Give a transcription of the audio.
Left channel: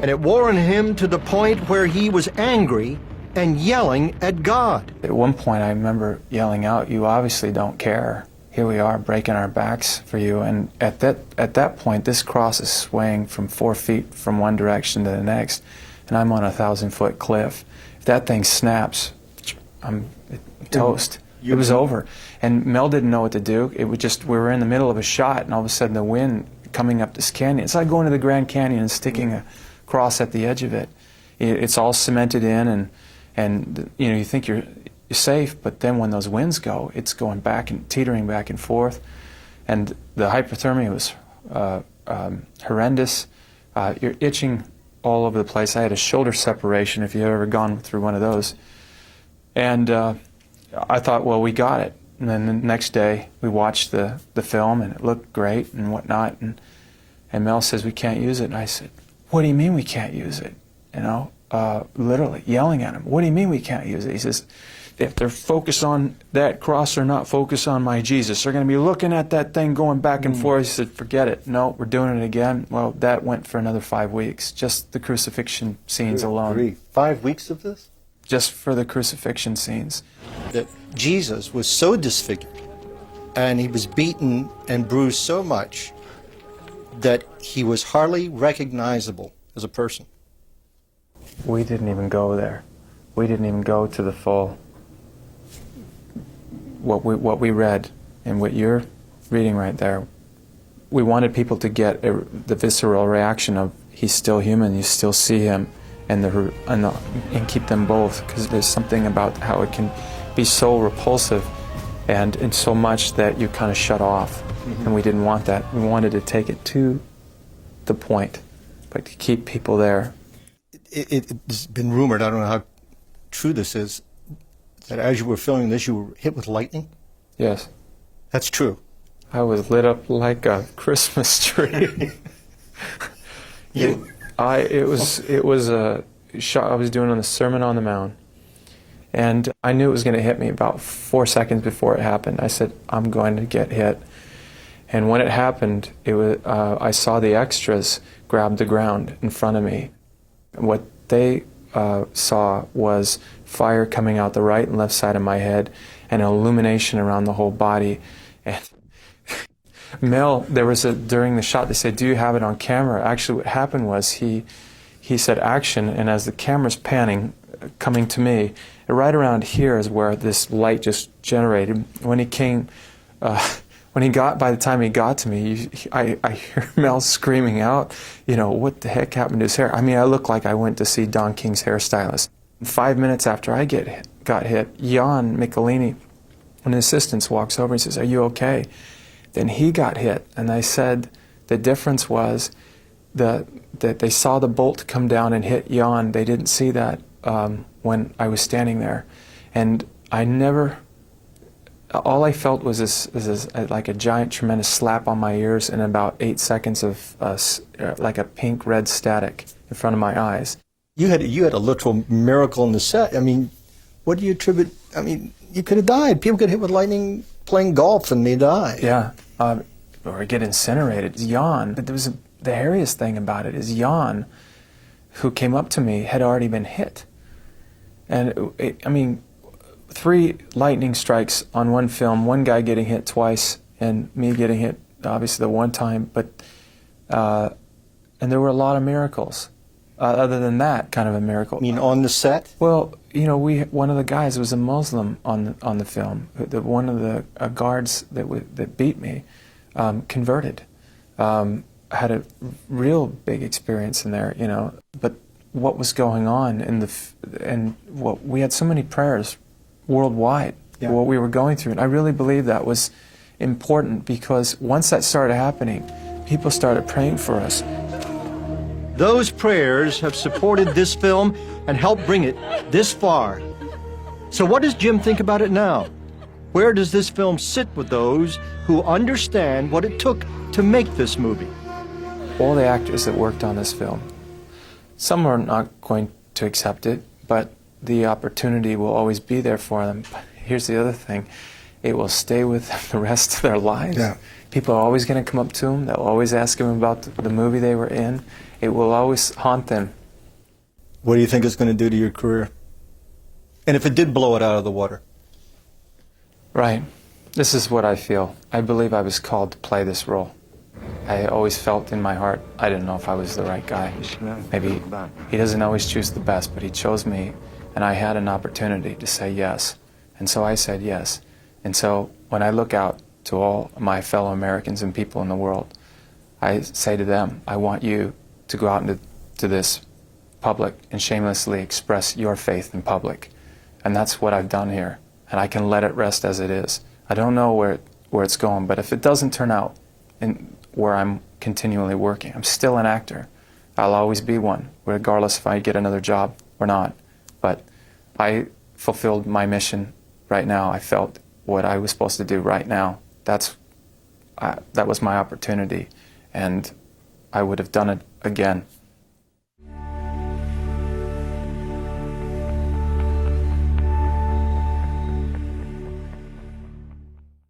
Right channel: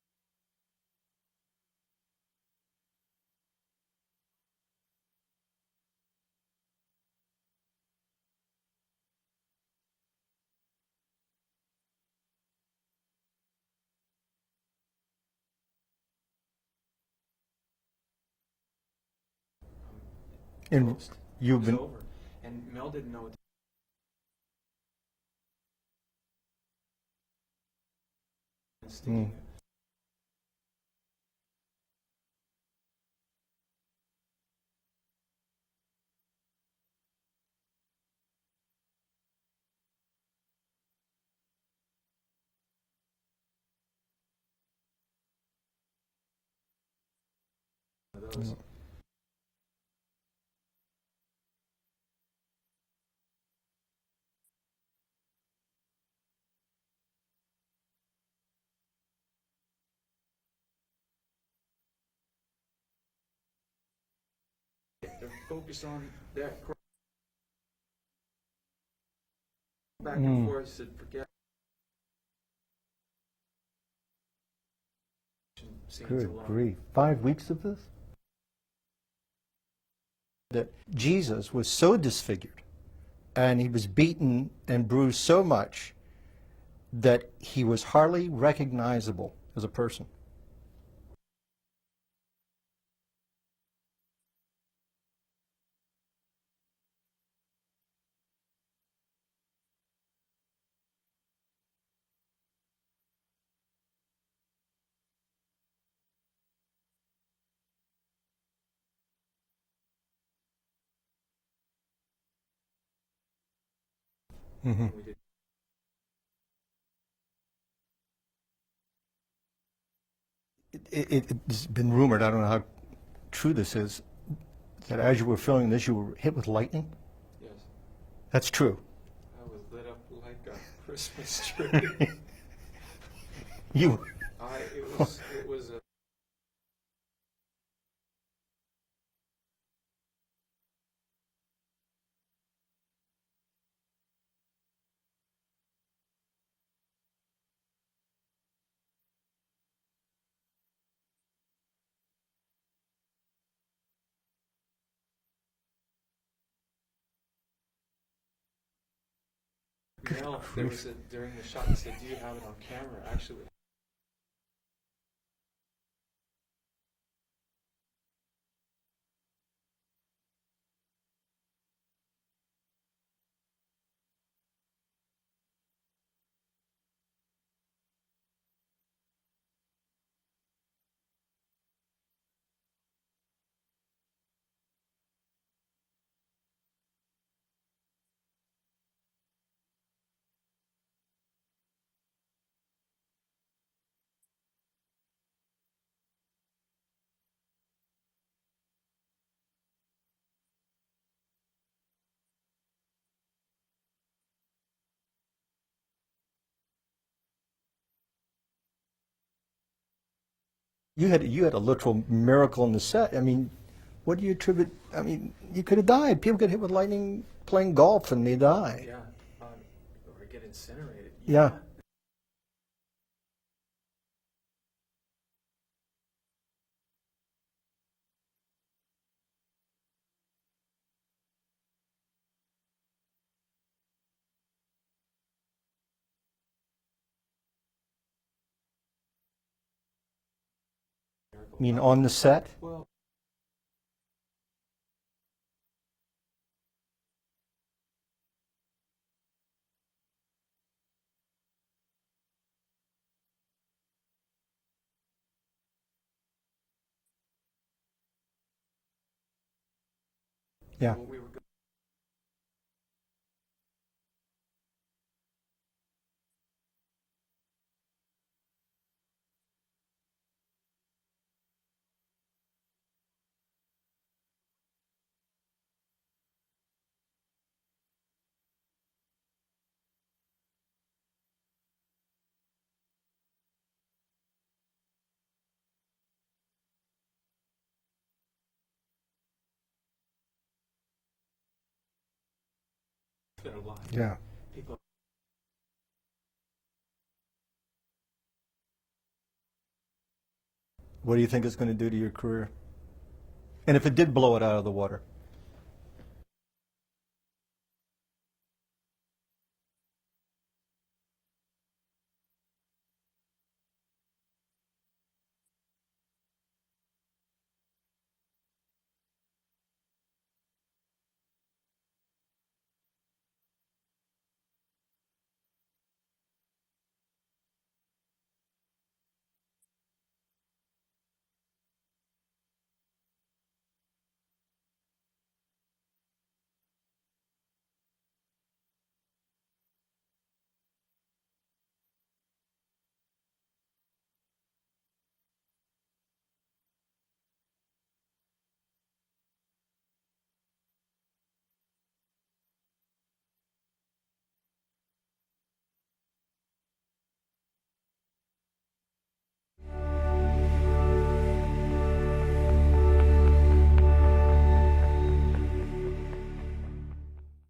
And it wore on him to the point where he was angry and yelling at God. At one point, I remember yelling out, "You obviously don't care. Here we are breaking our backs for you." And at that point, this cross is swaying from 4 feet from one direction to the next, and I'm on a 1,000-foot cliff. If that thing snaps, I'm toast. It was over. And Mel didn't know what to do. It was just, we were in the middle of a shot, and all of a sudden the wind coming up this canyon. It's like going to the Grand Canyon and sticking a cross at the edge of it. It's all cemented in, and you know, you think you're safe, but then when those winds go, it's going back and teetering back and forth. And the hypothermia was horrendous. You're itching all over the place. I had a shoulder separation, if you've ever gone through one of those. And I thought, well, we got it. And then the next day, we watched the film, and it looked great and whatnot. And Mel says, "We can't use it." And I said, "What do you mean we can't use it?" You know, literally yelling at him. "What do you mean we can't use it?" He says, "If they're focused on that cross or not focused on my Jesus, they're going to be looking at that thing going back and forth." He said, "Forget it. No, we're doing it again." Well, that went for another 5 weeks, just the crucifixion scenes alone. 5 weeks of this? Just for the crucifixion scenes. That Jesus was so disfigured, and he was beaten and bruised so much that he was hardly recognizable as a person. We didn't even go there. We didn't even go to the full, what we read and what you're reading right there. We wanted people to get the visceral reaction of, he's still human, you still see him, and keep them both, because there's something about how it can be so repulsive and so much that you kind of shut off. And we didn't want that. We wanted to take it to the point, but to keep people there. It's been rumored, I don't know how true this is, that as you were filming this, you were hit with lightning? Yes. That's true. I was lit up like a Christmas tree. It was a shot I was doing on the Sermon on the Mount, and I knew it was going to hit me about 4 seconds before it happened. I said, "I'm going to get hit." And when it happened, I saw the extras grab the ground in front of me. What they saw was fire coming out the right and left side of my head, and an illumination around the whole body. And Mel, during the shot, they said, "Do you have it on camera?" Actually, what happened was he said action, and as the camera's panning, coming to me, right around here is where this light just generated. When he came, by the time he got to me, I hear Mel screaming out, you know, "What the heck happened to his hair?" I mean, I look like I went to see Don King's hairstylist. 5 minutes after I got hit, Jan Michelini, an assistant, walks over and says, "Are you okay?" Then he got hit, and I said the difference was that they saw the bolt come down and hit Jan. They didn't see that when I was standing there. And all I felt was this like a giant, tremendous slap on my ears and about 8 seconds of like a pink-red static in front of my eyes. You had a literal miracle in the set. I mean, what do you attribute? I mean, you could have died. People get hit with lightning playing golf and they die. Yeah, or get incinerated. Jan, but the hairiest thing about it is Jan, who came up to me, had already been hit. And I mean, 3 lightning strikes on one film, one guy getting hit twice, and me getting hit, obviously, the one time, but, and there were a lot of miracles. Other than that, kind of a miracle. You mean on the set? Well, you know, one of the guys was a Muslim on the film. One of the guards that beat me converted. Had a real big experience in there, you know. But what was going on we had so many prayers worldwide for what we were going through, and I really believe that was important, because once that started happening, people started praying for us. Those prayers have supported this film and helped bring it this far. So what does Jim think about it now? Where does this film sit with those who understand what it took to make this movie? All the actors that worked on this film, some are not going to accept it, but the opportunity will always be there for them. But here's the other thing. It will stay with them the rest of their lives. Yeah. People are always going to come up to them. They'll always ask them about the movie they were in. it will always haunt them. What do you think it's going to do to your career? And if it did blow it out of the water? Right. This is what I feel. I believe I was called to play this role. I always felt in my heart, I didn't know if I was the right guy. Maybe he doesn't always choose the best, but he chose me, and I had an opportunity to say yes. And so I said yes. And so when I look out to all my fellow Americans and people in the world, I say to them, I want you to go out into this public and shamelessly express your faith in public. And that's what I've done here. And I can let it rest as it is. I don't know where it's going, but if it doesn't turn out in where I'm continually working, I'm still an actor. I'll always be one, regardless if I get another job or not. But I fulfilled my mission right now. I felt what I was supposed to do right now. That was my opportunity, and I would have done it again.